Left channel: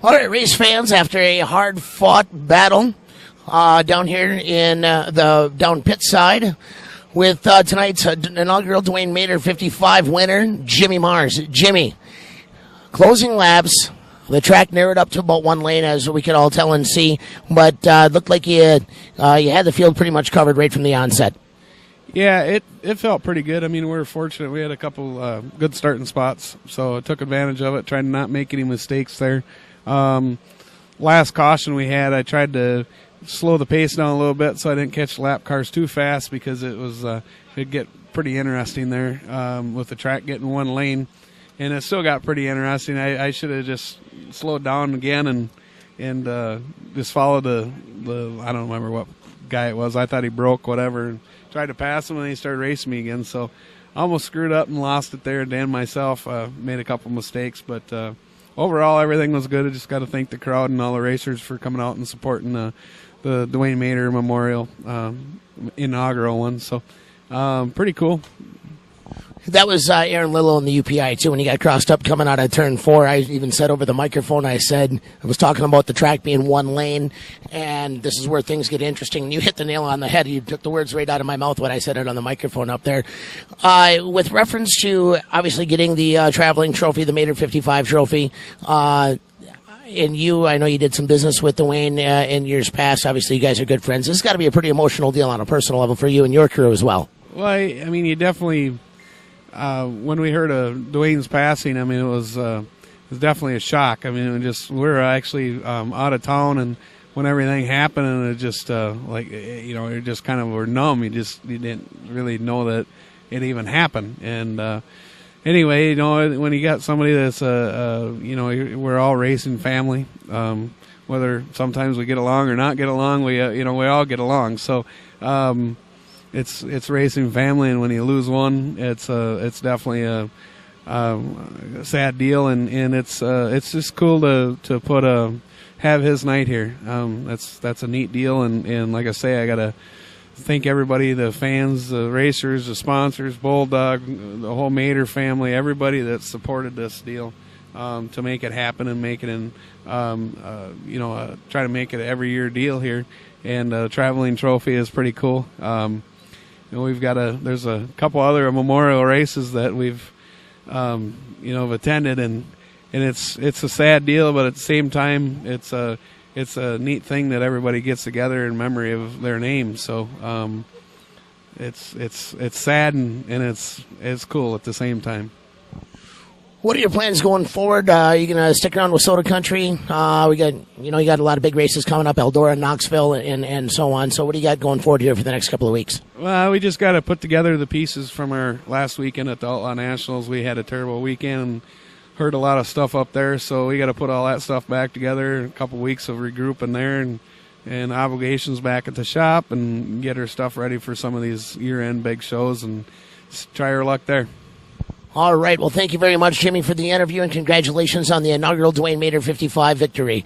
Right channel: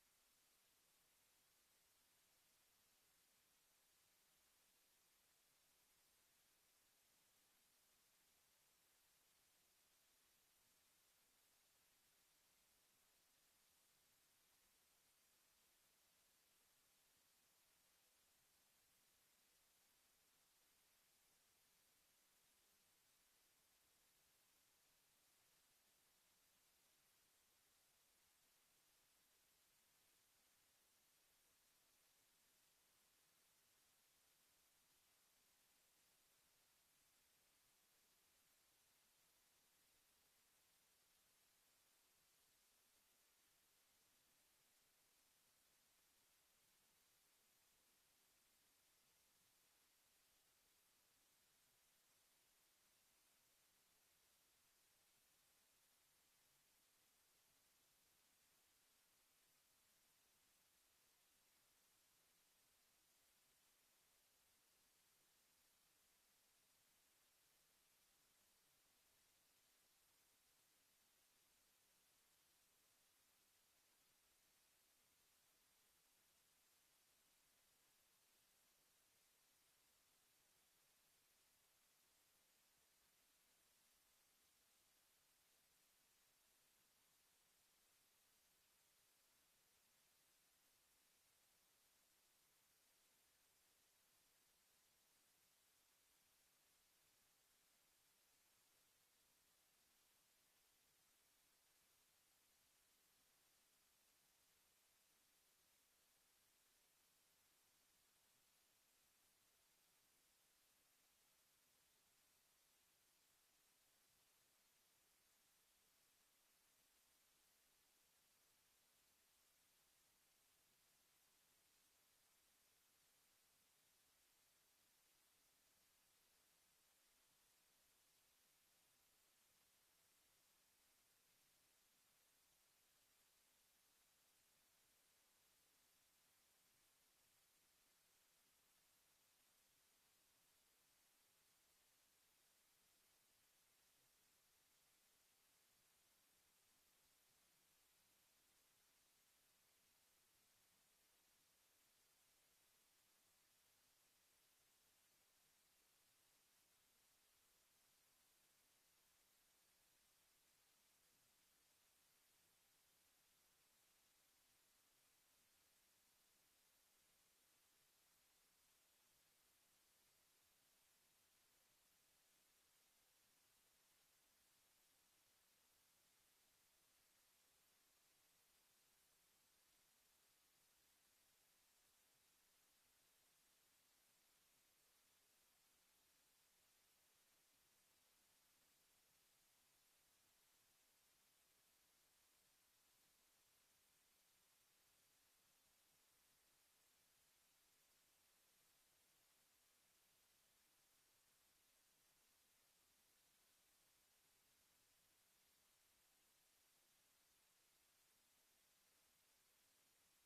All right, race fans, after a hard-fought battle down here in the down pit side with tonight's inaugural Dwayne Mader 55 winner, Jimmy Mars. Jimmy, closing laps, the track narrowed up to about one lane, as we could all tell and see, but looked like you had the field pretty much covered right from the onset. Yeah, it felt pretty good. I mean, we were fortunate. We had a couple good starting spots, so I took advantage of it, tried to not make any mistakes there. Last caution we had, I tried to slow the pace down a little bit so I didn't catch lap cars too fast, because it'd get pretty interesting there with the track getting one lane, and it still got pretty interesting. I should have just slowed down again and just followed the I don't remember what guy it was. I thought he broke whatever, and tried to pass him, and he started racing me again. So I almost screwed up and lost it there. Dan myself made a couple mistakes, but overall everything was good. I just got to thank the crowd and all the racers for coming out and supporting the Dwayne Mader Memorial inaugural one. So pretty cool. That was Aaron Lillo in the UPI, too, when he got crossed up coming out of turn 4. I even said over the microphone, I was talking about the track being one lane, and this is where things get interesting. You hit the nail on the head. You took the words right out of my mouth when I said it on the microphone up there. With reference to, obviously, getting the traveling trophy, the Mader 55 trophy, and I know you did some business with Dwayne in years past. Obviously, you guys are good friends. This has got to be a pretty emotional deal on a personal level for you and your crew as well. Well, I mean, you definitely... when we heard of Dwayne's passing, I mean, it was definitely a shock. I mean, we were actually out of town, and when everything happened, and it just you just kind of were numb. You didn't really know that it even happened. And anyway, when you got somebody that's we're all racing family. Whether sometimes we get along or not get along, we all get along. So. It's racing family, and when you lose one, it's definitely a sad deal, and it's just cool to have his night here. That's a neat deal, and like I say, I gotta thank everybody, the fans, the racers, the sponsors, Bulldog, the whole Mader family, everybody that supported this deal to make it happen and make it try to make it an every year deal here. And a traveling trophy is pretty cool. We've got there's a couple other memorial races that we've attended, and it's a sad deal, but at the same time it's a neat thing that everybody gets together in memory of their name. So it's sad and it's cool at the same time. What are your plans going forward? Are you going to stick around with Soda Country? We got, you got a lot of big races coming up, Eldora, Knoxville, and so on. So what do you got going forward here for the next couple of weeks? Well, we just got to put together the pieces from our last weekend at the Outlaw Nationals. We had a terrible weekend and heard a lot of stuff up there, so we got to put all that stuff back together. A couple of weeks of regrouping there and obligations back at the shop, and get our stuff ready for some of these year-end big shows and try our luck there. All right. Well, thank you very much, Jimmy, for the interview, and congratulations on the inaugural Dwayne Mader 55 victory.